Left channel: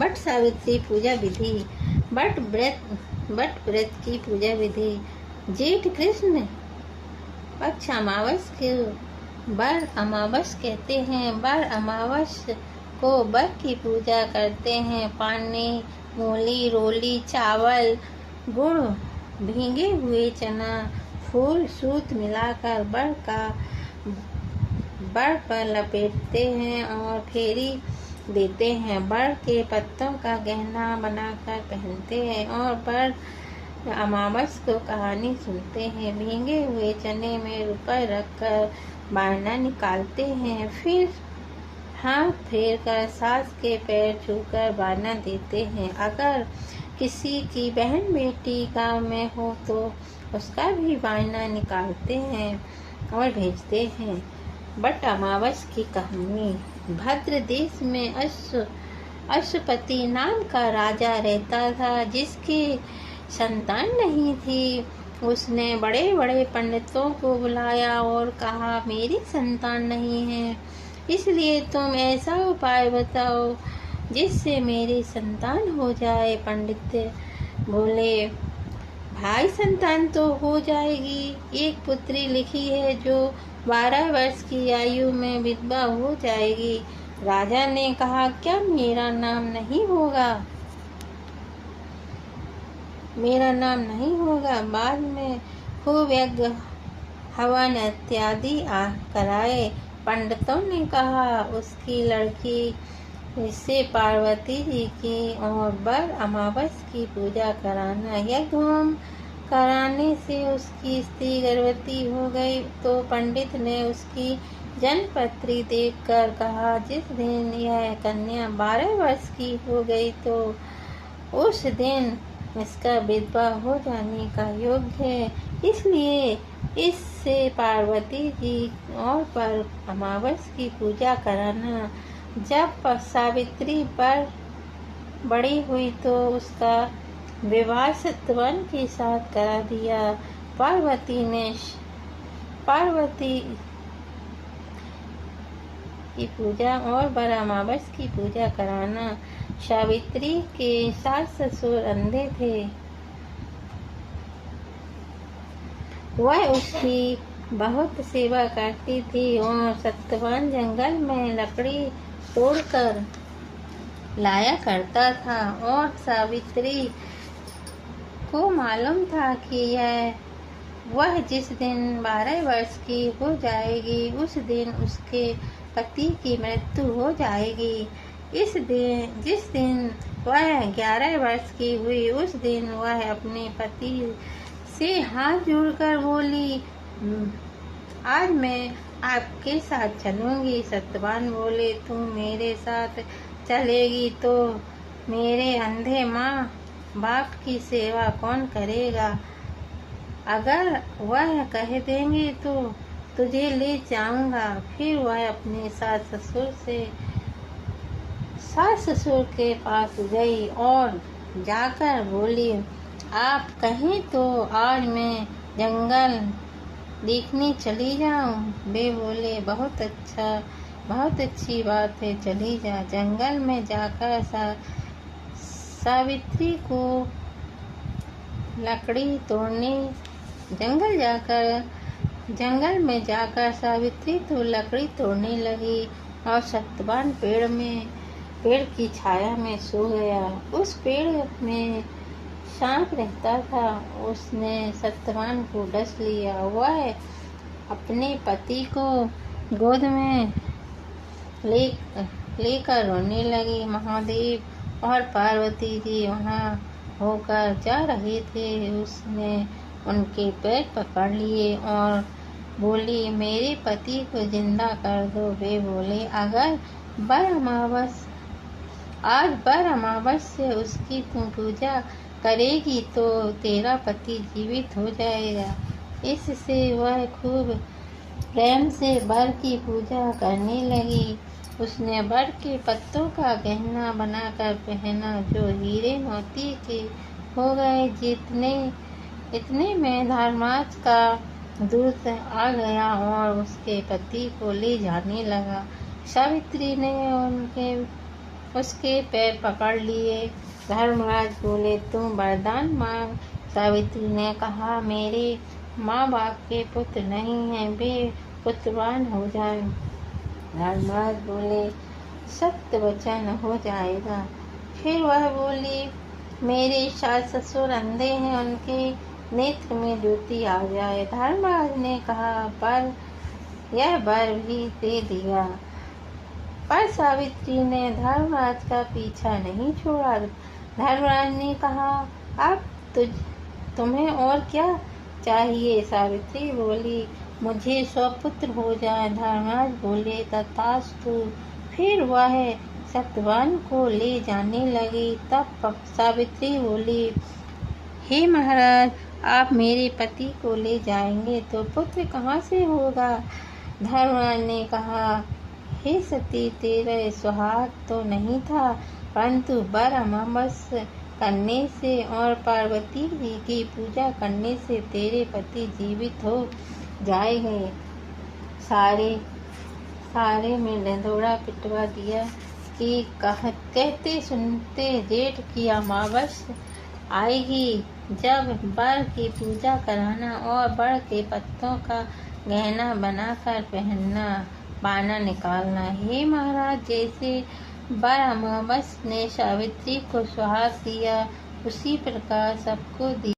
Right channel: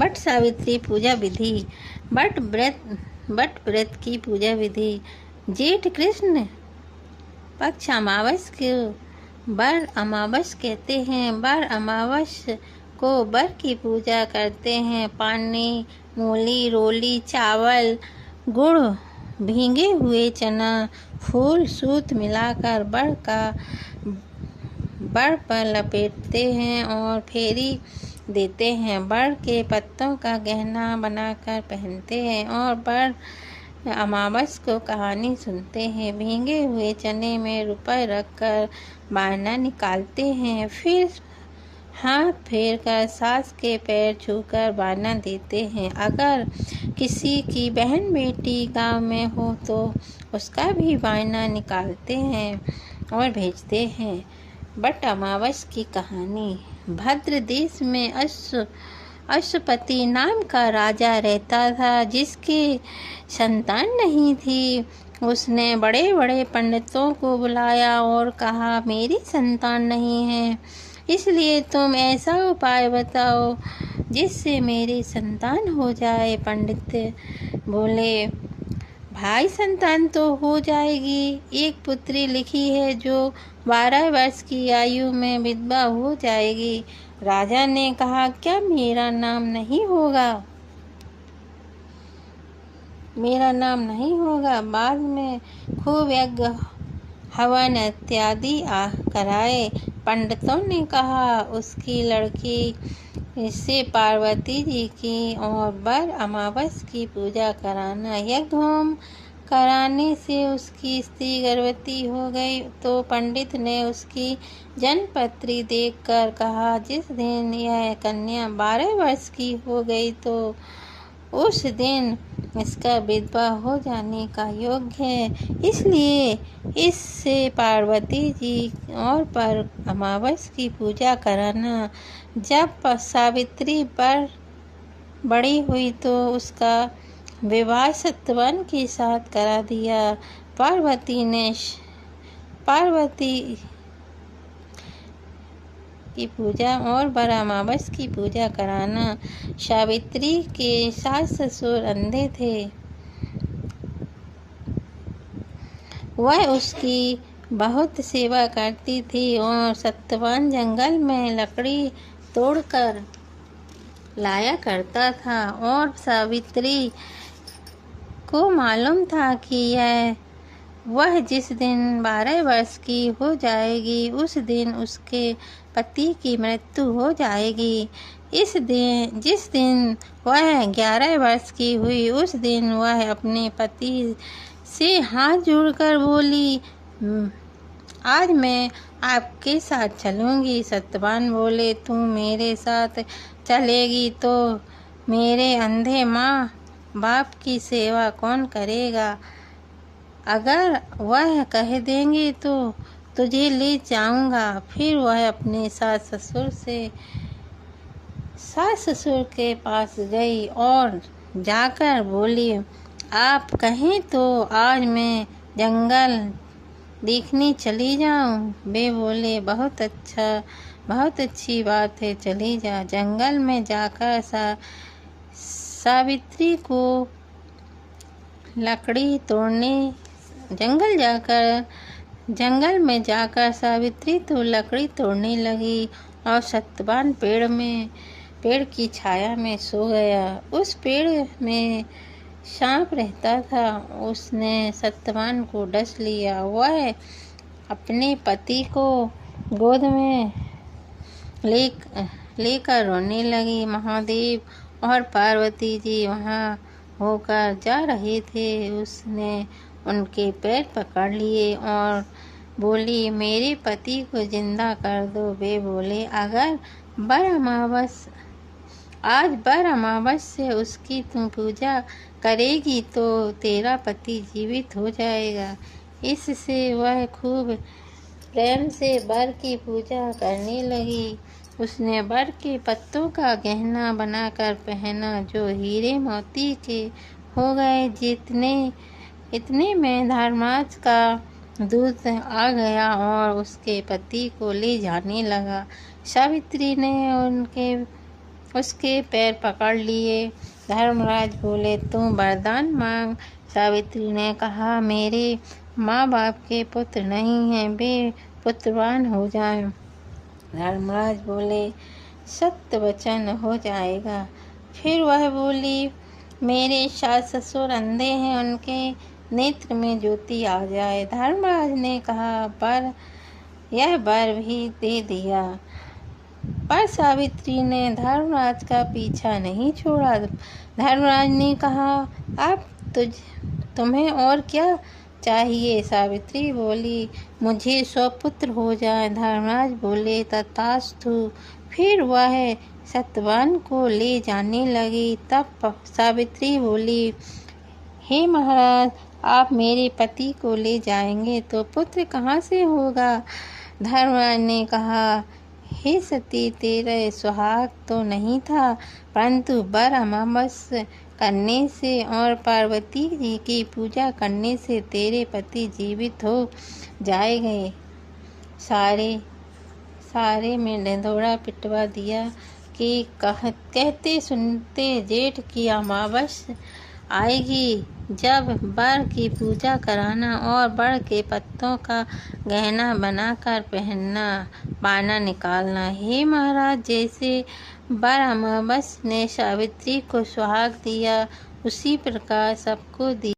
But Savitri पूजा विधि। बट व्रत की पूजा विधि। जेठ कृष्ण पक्ष अमावस को बर अमावस कहते हैं। बर अमावस को बर की पूजा करते हैं। पानी, मूली, रोली, चावल, गुड़, भीगे हुए चना, फूल, सूत मिलाकर बड़ पर लपेटते हैं और फेरी देते हैं। बड़ के पत्तों का गहना बनाकर पहनते हैं और बड़ अमावस को कहानी सुनते हैं। भीगे हुए चने में रुपए रखकर बारना निकालते हैं। फिर हाथ फेर कर सास के पैर छूकर बारना देते हैं। अगर किसी की बहन बेटी गांव में हो तो उसका भी बारना निकालते हैं और भेजते हैं। बट अमावस की कहानी। भद्र देश में अश्वपति नाम का राजा रहता था, जिसकी संतान नहीं थी। उसने बड़े बड़े पंडितों को बुलाया और कहा, मेरी संतान नहीं है, इसलिए तुम ऐसा उपाय बताओ जिससे मेरी संतान हो जाए। पंडित बोले, भाई संतान तो हो जाएगी। एक पुत्री लिखी है जो 12 वर्ष की आयु में विधवा हो जाएगी। राजा ने कहा, क्या मेरा नाम नहीं होगा? मेरा नाम नहीं होगा। बाद में खूब यज्ञ हवन इत्यादि कराए। पंडितों ने कहा, उसकी लड़की से पार्वती जी की और बर अमावस की पूजा कराना। यज्ञ होम कराने से उसकी स्त्री गर्भवती हो गई तो पंडित ने उसकी जन्मपत्री देखकर कहा, जिस दिन यह कन्या 12 वर्ष की हो गई तो उस दिन इसका विधवा हो जाने का योग्य है। इसलिए इससे पार्वती जी और पर अमावस की पूजा कराना। जब सावित्री पर बड़ी हुई तो उसका विवाह सत्यवान के साथ करा दिया। पार्वती की पूजा और बर अमावस की पूजा कराना। सावित्री के सास ससुर अंधे थे। वह उसकी बहुत सेवा करती थी और सत्यवान जंगल में लकड़ी तोड़कर लाया करता था और सावित्री को मालूम था कि वह जिस दिन 12 वर्ष की हो जाएगी उस दिन उसके पति की मृत्यु हो जाएगी। जिस दिन वह 11 वर्ष की हुई उस दिन वह अपने पति से हाथ जोड़कर बोली, आज मैं आपके साथ चलूंगी। सत्यवान बोले, तुम मेरे साथ चलेगी तो मेरे अंधे माँ बाप की सेवा कौन करेगा? अगर वह कह देंगे तो तुझे ले जाऊंगा। फिर वह अपने सास ससुर के पास गई और जाकर बोली, आप कहें तो आज मैं जंगल देखने चली जाऊं। वे बोले, बहुत अच्छी बात है, चली जा। जंगल में जाकर सावित्री को लकड़ी तोड़ने जंगल में जाकर सावित्री तो लकड़ी तोड़ने लगी और सत्यवान पेड़ की छाया में सो गया। उस पेड़ में सांप रहता था। उसने सत्यवान को डस लिया। वह अपने पति को गोद में लेकर रोने लगी। महादेव और पार्वती जी वहाँ होकर जा रहे थे। उसने उनके पैर पकड़ लिए और बोली, मेरे पति को जिंदा कर दो। वे बोले, अगर आज बर अमावस से उसकी तुम पूजा करेगी तो तेरा पति जीवित हो जाएगा। इससे वह खूब प्रेम से बर की पूजा करने लगी। उसने बर के पत्तों का गहना बनाकर पहना जो हीरे मोती के हो गए। इतने में धर्मराज का दूत आ गया और उसके पति को ले जाने लगा। सावित्री ने उनके उसके पैर पकड़ लिए। धर्मराज बोले, तुम वरदान मांग। सावित्री ने कहा, मेरे माँ बाप के पुत्र नहीं हैं, वे पुत्रवान हो जाएं। धर्मराज बोले, सत्य वचन हो जाएगा। फिर वह बोली, मेरे सास ससुर अंधे हैं, उनके नेत्र में ज्योति आ जाए। धर्मराज ने कहा, पर यह वर भी दे दिया। पर सावित्री ने धर्मराज का पीछा नहीं छोड़ा। धर्मराज ने कहा, अब तुम्हें और क्या चाहिए? सावित्री बोली, मुझे 100 पुत्र हो जाए। धर्मराज बोले, तथास्तु। फिर वह सत्यवान को ले जाने लगी। तब सावित्री बोली, हे महाराज, आप मेरे पति को ले जाएंगे तो पुत्र कहाँ से होगा? धर्मराज ने कहा, हे सती, तेरा सुहाग तो नहीं था, परंतु वर अमावस्या करने से और पार्वती जी की पूजा करने से तेरे पति जीवित हो जाएंगे। सारे में निधोड़ा पिटवा दिया कि कहते सुनते जेठ की अमावस्या आएगी, जब वर की पूजा कराना और वर के पत्तों का गहना बनाकर पहनना, बाना निकालना। हे महाराज, जैसे वर अमावस्या ने सावित्री को सुहाग दिया, उसी प्रकार सबको दिया।